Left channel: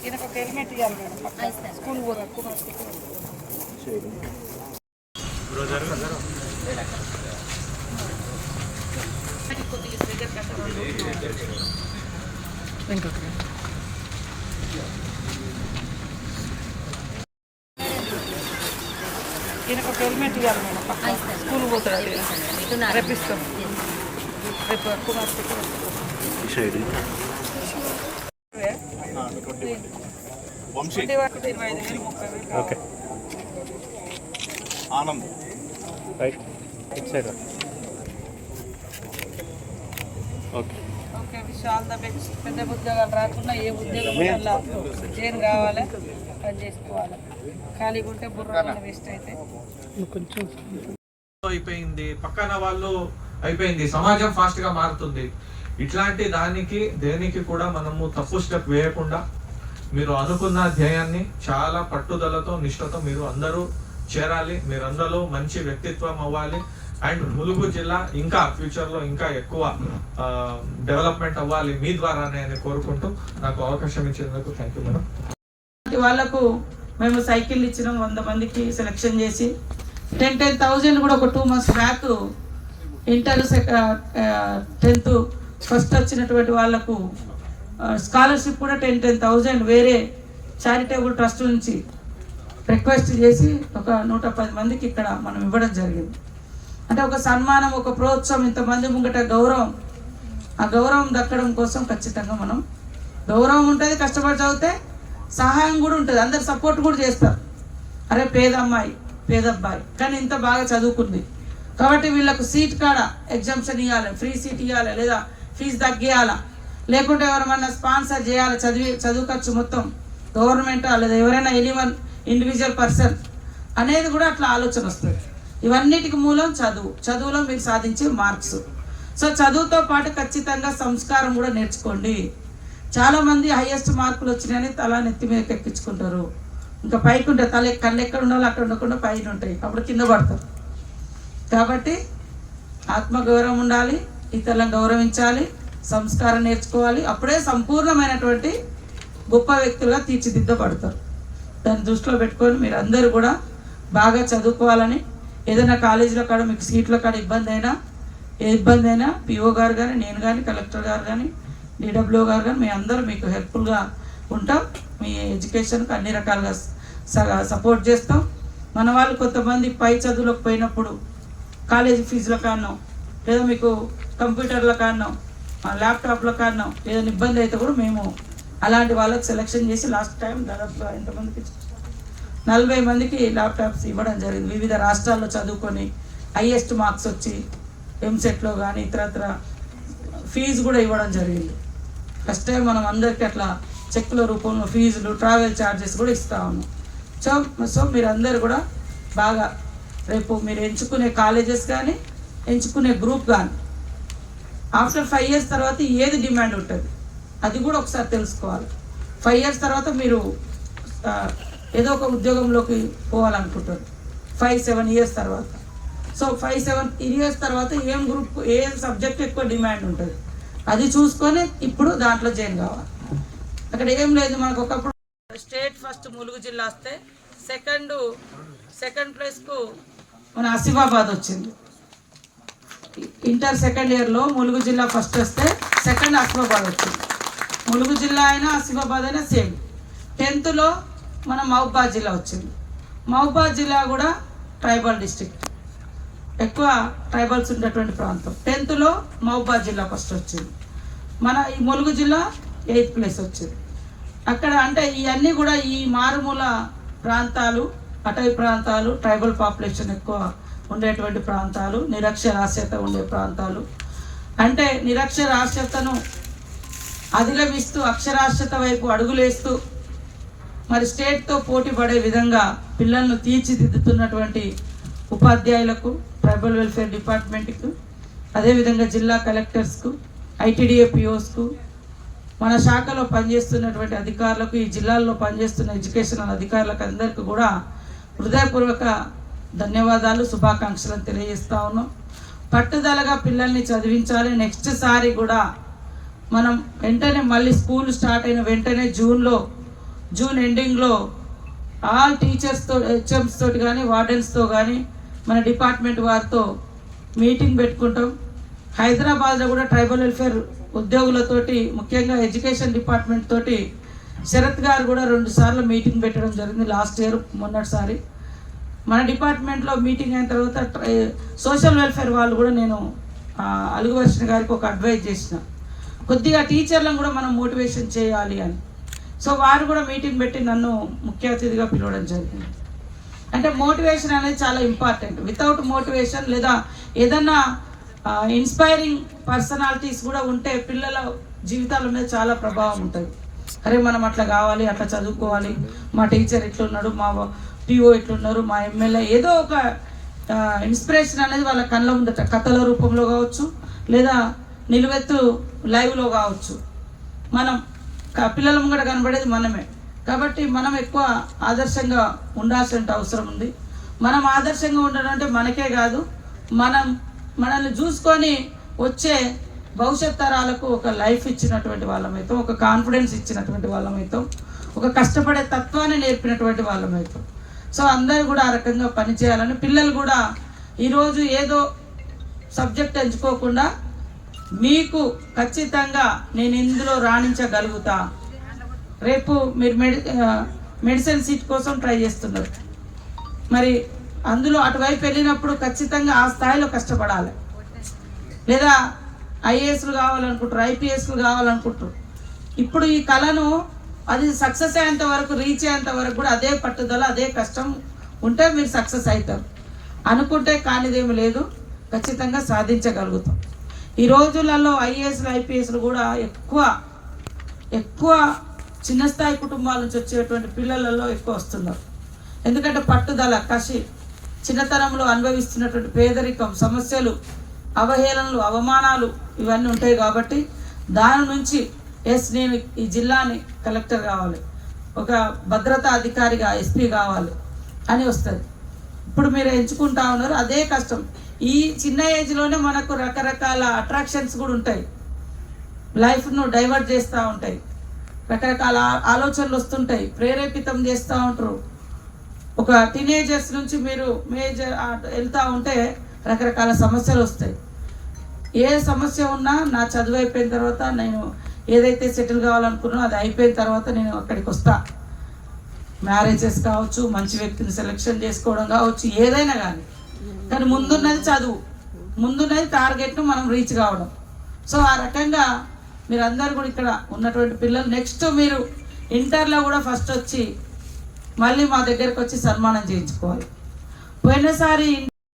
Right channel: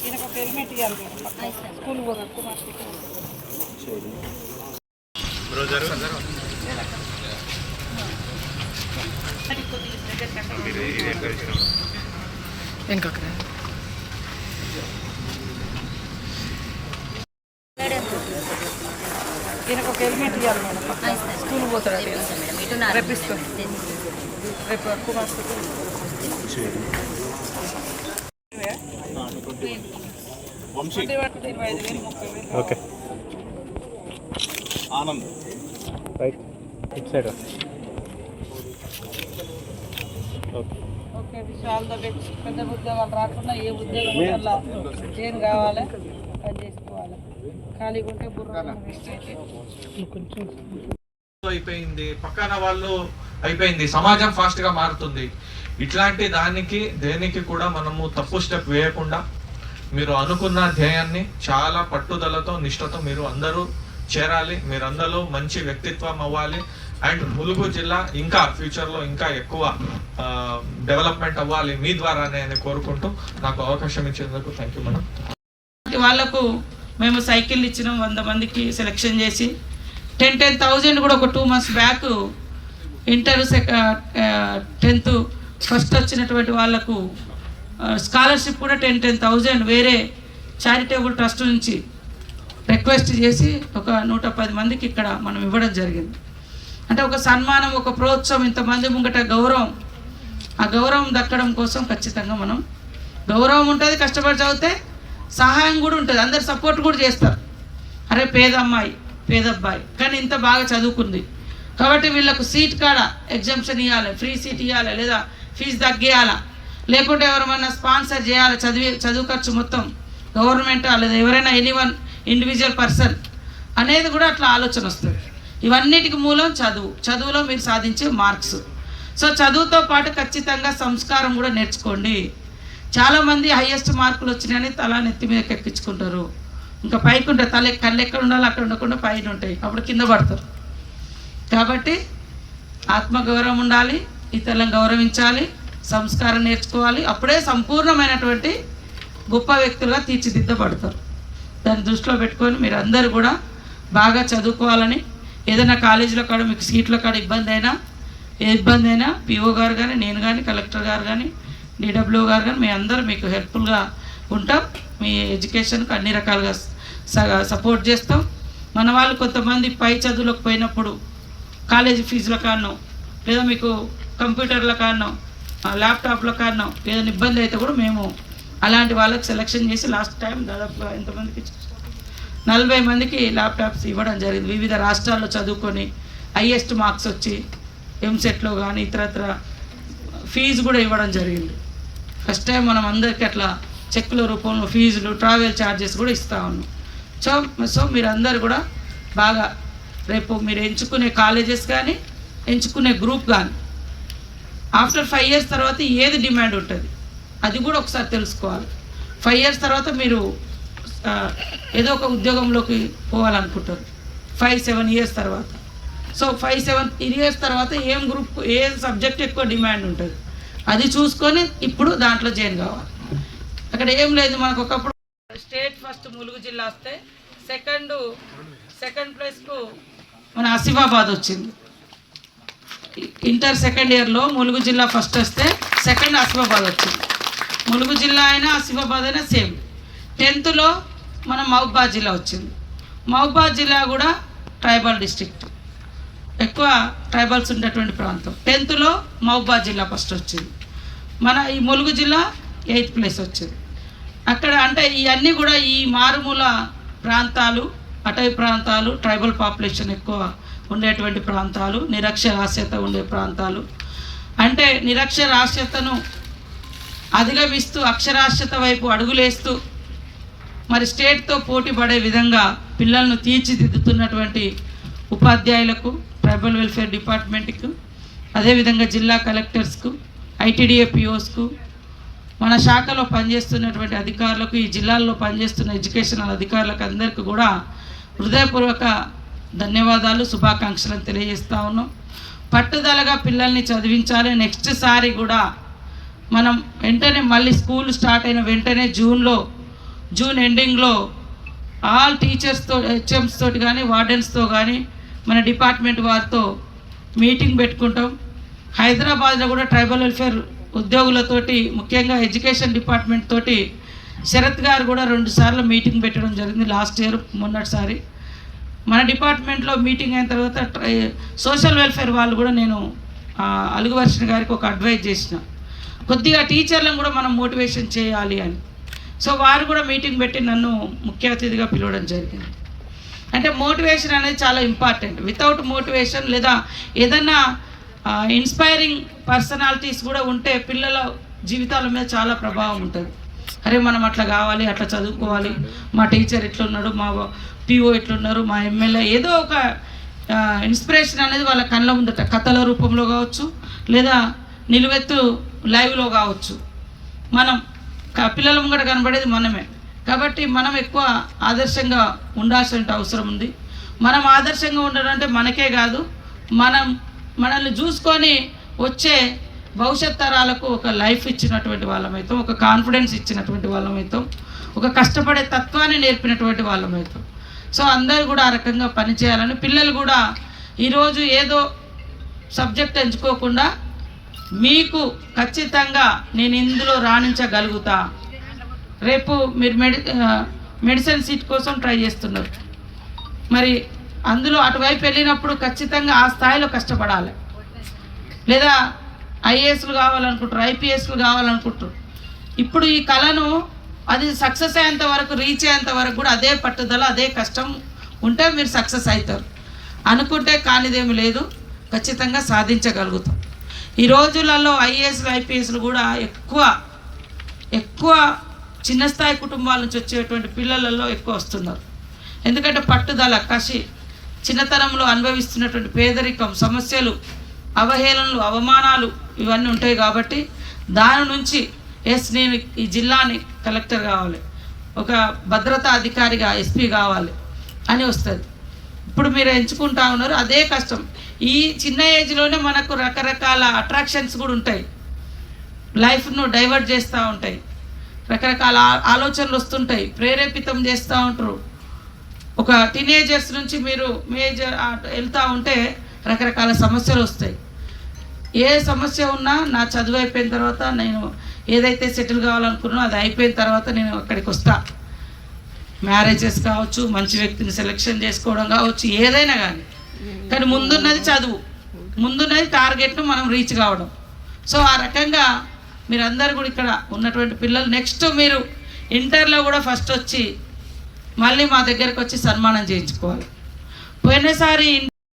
ఈయనకు ఒక హెల్మెట్ ఇవ్వాలి మేడం పక్కన. స్కూల్ పోతాడు బ్రోజర్ స్కూల్ ఈయనకు ఒక హెల్మెట్ ఇవ్వాలి మేడం పక్కన. స్కూల్ పోతాడు ఈయన. రేపు ఇస్తాం రేపు వేలు okay Anand right it side okay okay wish all the best పెద్ద ఉద్యోగాలు రాకుండా ఏ ఉద్యోగం వల్ల ఏం కావాలి చేసుకోవాలి. ఖాళీగా ఉంటే బుర్ర వేస్ట్ అయితే. అయిపోయింది. పక్కన వాళ్ళు అయిపోయింది. సమాజం ఫాస్ట్గా మారుతుంది. ఇట్లాంటి దానికి దేనికి కూడా మనము తప్పు స్టెప్ వేయకుండా మీరు అనుకున్న ధ్యేయాన్ని చాలా పట్టుదలతో నిష్ఠతో మీరు అందరూ చేరాలి. మీరందరూ మంచి వ్యక్తిత్వం అవ్వాలి. అండ్ ములుగు జిల్లా ఇంకా ఫ్యూచర్లో ఇంకా ఎక్కువ డెవలప్మెంట్ అవ్వాలి మీ ద్వారానే అని కోరుకుంటూ నాకు అవకాశం ఇచ్చినందుకు థ్యాంక్ యూ మేడం వాళ్ళకు మేము సైకిల్ ఇచ్చినాం వంద మందికి సెలెక్షన్ చేసి టెన్ టెన్ థౌజండ్ కూడా ఒక టూ మంత్స్ బ్యాక్ ఇంటర్ సెక టెన్త్ ఫస్ట్ వచ్చినటువంటి వాళ్ళకు స్కాలర్షిప్ కూడా టెన్ టెన్ థౌజండ్ వేరే చారిటబుల్ ట్రస్ట్ నుంచి రిక్వెస్ట్ చేసి ఒక నూట పది మందికి ఇక్కడ మనం ఇవ్వడం జరిగింది. అంటే ఒక సన్మానం ఒక ప్రోత్సాహం ఇంతమంది ముంగట గౌరవం. ఆ గౌరవం దక్కడం కోసం ఖచ్చితంగా మనం గౌరవం ఉంటుంది కష్టపడి చదివితే సహాయం కూడా ఉంటుంది. అందరు సపోర్ట్ కూడా చేస్తారు. అరే పేద అమ్మాయి పేద అబ్బాయి కానీ ఇంత బాగా చదువుకుంది. కాబట్టి వీళ్ళకు సీట్ కాడ ఎగ్జామ్షన్ ఇవ్వాలి ఫ్రీ సీట్ ఇవ్వాలి లేదా ఫీజు తగ్గియాలా? లేకుంటే ఎవరైనా స్పాన్సర్ చేయాలి? చదివి చదువు ఖర్చు మొత్తం గవర్నమెంట్ లేదా ఎవరైనా ఎనీవన్ ఇండివిజువల్ పర్సన్ అనేది కూడా అట్లా ఆలోచన వస్తుంది. ఇవన్నిటికి మూలం చదువు. చదువులో మీరు సాధించే మార్క్స్. సో చదువుతో పాటు ఖచ్చితంగా సంస్కారం కూడా నేర్చుకోండి. చాలామంది హైయెస్ట్ మార్కులు వచ్చినాయని తల నెత్తి మీద ఎక్కించుకుంటారు ఇంకా పైకి ఉంటాయి తల కళ్ళు ఎక్కడ ఉండాలి అక్కడ ఉండకుండా పైన ఉంటాయి. అప్పుడు కింద పడతారు. కాబట్టి ఆత్మగౌరవం ఉండాలి ఇతరులను గౌరవించాలి సంస్కారం నేర్చుకోవాలి. అప్పుడే సంపూర్ణమైనటువంటి గొప్ప వ్యక్తులుగా తీర్చిదిద్దబడతారు. దాన్ని దృష్టిలో పెట్టుకొని మీరు అందరూ కూడా బాగా చదువుకోవాలని ఏదైనా కాలేజీలో కాడ మీకు సీట్ల కాడ ఇబ్బంది అయినా ఏ ఇబ్బంది అయినా పిఓ గారు కానీ నేను కానీ కలెక్టర్ గారు కానీ డిడబ్ల్యూ గారు కానీ మీ అందరూ మీకు హెల్ప్ఫుల్గా ఉంటాం మీ ఎడ్యుకేషన్కి అన్ని రకాలుగా స- సపోర్ట్ చేస్తాం మన వాళ్ళు కొంతమంది పై చదువులకు పోయినప్పుడు కాలేజీ ఫీజుల కారణం లేదా మీకు కంప్యూటర్ల కారణం ల్యాప్టాప్లో ల్యాప్టాప్ల కారణం ఏదైనా ఇబ్బంది అయితే కూడా మేము అలాంటి వాళ్ళకి సెలెక్షన్ చేసి లాస్ట్ టైం దాదాపు ఎంతమందికి ఇచ్చాం? నలభై మందికి ల్యాప్టాప్స్ ఇవ్వడం జరిగింది. వివిధ రాష్ట్రాల్లో చదువుకొని హైయెస్ట్ మార్క్స్ వచ్చి ఎంసెట్లో కానీ ఇతరత్ర ఫీజు కూడా ఇవ్వడం జరిగింది. ఫస్ట్ టైం మనం అందరికీ అట్లా చెక్కుల రూపంలో ఫీజులు ట్రావెల్ ఛార్జెస్ కూడా ఇస్తా ఉన్నాం. సో సో మీరందరూ కూడా బాగా రేపు మీరు ఎంచుకునే కాలేజెస్ కానీ ఎంచుకునే గ్రూప్ కానీ ఆఫ్టర్ ఫైవ్ ఇయర్స్ తర్వాత ఏది డిమాండ్ ఉంటుంది? అది కూడా ఒకసారి తెలుసుకోవాలి. ఫైవ్ ఇయర్స్ తర్వాత మీరు ఏదో ఒక ఉద్యోగంలోకి పోవాలనుకుంటారు ఫైవ్ సెవెన్ ఇయర్స్ తర్వాత. సో ఫైవ్ సెవెన్ ఇయర్స్ తర్వాత ఏం గ్రూప్ ఏ సబ్జెక్ట్ ఎక్కువ డిమాండ్ ఉంటుంది? అది చూసుకొని ఇప్పుడు దాంట్లో జాయిన్ కావాలి. అక్కడ ఏం లేదు మనకు ఒకప్పుడు స్టేట్ ఫస్ట్ ములుగు జిల్లా వస్తే సెకండ్ సెకండ్ ప్లేస్కు మన ఆసిఫాబాద్ వచ్చింది. ఇంటర్ సెకండ్ ఇయర్లో ములుగు జిల్లా ఫస్ట్ వస్తే సెకండ్ ఆసిఫాబాద్ వచ్చింది. ములుగు జిల్లా అయినా ఆసిఫాబాద్ అయినా సేమ్ టెన్త్లో మన మహబాద్ జిల్లా వచ్చింది. మహబాద్ జిల్లా కూడా ట్రైబల్ డిస్ట్రిక్ట్. ఎక్కువ ట్రైబల్స్ ఉండేటువంటి ప్రాంతం. టెన్త్లో మహబాద్ జిల్లా ఫస్ట్ వచ్చింది. మన ఈ ములుగు జిల్లా ఎయిత్ ప్లేస్ వచ్చింది. అక్కడ అంటే ఇవన్నీ కూడా ఈ మారుమూల ప్రాంతాలు అటవీ ప్రాంతాలు ట్రైబల్ పాపులేషన్ ఎక్కువ ఉండేటువంటి ప్రాంతాలు నిరక్షరాస్యత ఉండే ప్రాంతాలు. అంటే నిరక్షరాస్యతను అధిగమిస్తూ అక్షరాస్యత వైపు అడుగులేస్తూ మరి స్టేట్తో పోటీ పడే విధంగా పిల్లలను తీర్చిదిద్దుతున్నటువంటి ఉపాధ్యాయులకు ట్రైబల్ వెల్ఫేర్ డిపార్ట్మెంట్కు అదేవిధంగా జిల్లా కలెక్టర్స్కు ఐటీడీఏ పిఓస్కు మన శాఖలో పనిచేస్తున్నటువంటి అధికారులకు ఈ జిల్లాల్లో పనిచేస్తున్న ఎడ్యుకేషనల్ అధికారులకు అందరికీ కూడా హృదయపూర్వక ధన్యవాదాలు శుభాకాంక్షలను తెలియజేస్తా ఉన్నాం. పట్టుదలగా పిల్లల్ని చదివించాలి. నెక్స్ట్ సారి కూడా మనం వెంటనే మళ్ళీ స్కూల్ స్టార్ట్ అయిన వెంటనే జూన్లో జూన్ ఎండింగ్లో ఆల్ టీచర్స్తో హెచ్ఎంస్ తోటి కానీ వార్డెన్స్తో కానీ మన డిపార్ట్మెంట్ వారితో మీటింగ్ పెట్టుకుంటాం. హైదరాబాద్లో కూడా ట్రైబల్ వెల్ఫేర్ ఉద్యోగులతోటి ముఖ్యంగా ఎడ్యుకేషన్ డిపార్ట్మెంట్ తోటి శరత్ గారు కూడా రెండు సార్లు మీటింగ్ పెట్టడం జరిగింది లాస్ట్ ఇయర్ మొన్నటిసారి. మన డిపార్ట్మెంట్లో మీటింగ్ అయిన తర్వాత ట్రై- సోషల్ వెల్ఫేర్ వాళ్ళు కూడా నేను అలుగువర్షణ గారికి ఒక అడ్వైజ్ చేసిన. కొద్దిగా టీచర్లను కూడా మనం మోటివేషన్ చేయాలి అని. సో వారు కూడా మీటింగ్ పెట్టి నన్ను ముఖ్య అతిథిగా పిలవడం జరిగింది. అంటే మోటివేషన్ అనేది చాలా ఇంపార్టెంట్. వితౌట్ మోటివేషన్ లేదా ఏదన్నా ఇన్స్పైరింగ్ పర్సనాలిటీస్ కూడా ఉంటే పిల్లల జీవితాల మీద చాలా ప్రభావం ఉంటుంది. అరే మనం అట్లా కావాలి అట్లా చదువుకోవాలి. మా టీచర్ ఎట్లున్నాడు మా పిఓ ఎట్లున్నారు మా ఎమ్మెల్యే ఏదో ఒక ఇన్స్పిరేషన్ అనేది వాళ్ళ కళ్ళ ఉండట కథల రూపంలో కావచ్చు లేదా నిలువెత్తు లైవ్లో కావచ్చు. మనం పిల్లల ముంగట కనబడేది మనమే. కాబట్టి మనం ఎక్కువ ఆదర్శంగా ఉండాల్సిన అవసరం ఉంది. మనం ఆదర్శంగా ఉండడం అంటే మనకే కాదు మనం మనల్ని చూసుకొని వచ్చే భవిష్యత్ తరాలకు ఒక లైఫ్ ఇచ్చినటువంటి వాళ్ళమైతాం ఒక కాన్ఫిడెన్స్ ఇచ్చినటువంటి వాళ్ళమైతాం ఒక కష్టపడే తత్వాన్ని నేర్పినటువంటి వాళ్ళమైతాం సో అందరూ కూడా ఆ రకంగా పనిచేయాలని పిల్లలు కూడా ఈరోజు ఏదో సబ్జెక్ట్ ఎంచుకోకుండా మీకు ఖచ్చితంగా నేను ఇందులో రాణించగలుగుతా. రేపు మీరు మెడి మెడిసిన్ సీట్ కోసం ట్రై చేస్తున్నారు. మరి అందులో అటువైపు వెళ్ళినప్పుడు ఖచ్చితంగా ఆ స్థాయిలో కష్టపడాలి. లేదా ఐఏఎస్లు కావాలనుకుంటారు ఐపీఎస్లు కావాలనుకుంటారు ఇప్పుడు ఈ కళను అది సక్సెస్ అయ్యేంత వరకు రీచ్ అయ్యేంత వరకు కూడా అదే పట్టుదల అదే కష్టం ఉంటే మీరు సక్సెస్ అవుతారు. అనుకుంటే కానిదేమి లేదు ఖచ్చితంగా సాధించగలుగుతాం. ఈ రోజులలో ఐఏఎస్లు ఐపీఎస్లు కూడా ఎక్కువ ఎక్కువ చిన్న స్థాయి కుటుంబాల నుంచి వచ్చేటువంటి పిల్లలలో ఎక్కువ వస్తున్నారు. ఎందుకంటే పట్టుదల కసి చిన్నతనంలో అనుభవిస్తున్నటువంటి పేదరికం సమస్యలు అవహేళనలు అవమానాలు ఇవన్నీ ఉంటాయి కాబట్టి దాని నుంచి ఎస్ నేను ఈ జిల్లాని కలెక్టర్ కావాలి. ఒక భద్రతా అధికారిగా ఎస్పీ కావాలి అని వస్తుంది. ఇప్పుడు మీరు ఎంచుకుంటా ఉన్నారు అదే కష్టం. ఈ చిన్న ఏజ్లోనే మనకు రకరకాల అట్రాక్షన్స్ కూడా ఉంటాయి. లైఫ్ను డైవర్ట్ చేస్తూ ఉంటాయి. రకరకాల ఆలోచనలు వస్తుంటాయి. ప్రేరేపితం చేస్తూ ఉంటారు. ఒక టీనేజర్స్ నుంచి మీరు మేజర్ వెళ్తూ ఉంటే రకరకాల సమస్యలు వస్తాయి. ఏ సమస్య ఉన్నా నా చదువు అయిపోయిన తర్వాత నేను ఏదైతే సెటిల్ కావాలనుకున్నానో అది అయిపోయిన తర్వాత నేను అక్కడికి వస్తాను మ్యారేజెస్ కావచ్చు మంచి వ్యక్తిని సెలెక్షన్ చేసుకోవడం కావచ్చు ఏదైనా కానీ. కానీ ముందున్నది చదువు. ముందున్నది టార్గెట్ను మనం రీచ్ కావడం. సో ఆ రకంగా మీరందరూ కూడా ఇక్కడ ఉన్నటువంటి పిల్లలు నెక్స్ట్ మీరు ఇంటర్లో కూడా ఫస్ట్ వచ్చి మళ్ళీ మా దగ్గరకు వచ్చి సన్మానం చేయించుకోవాలి. పోయినసారి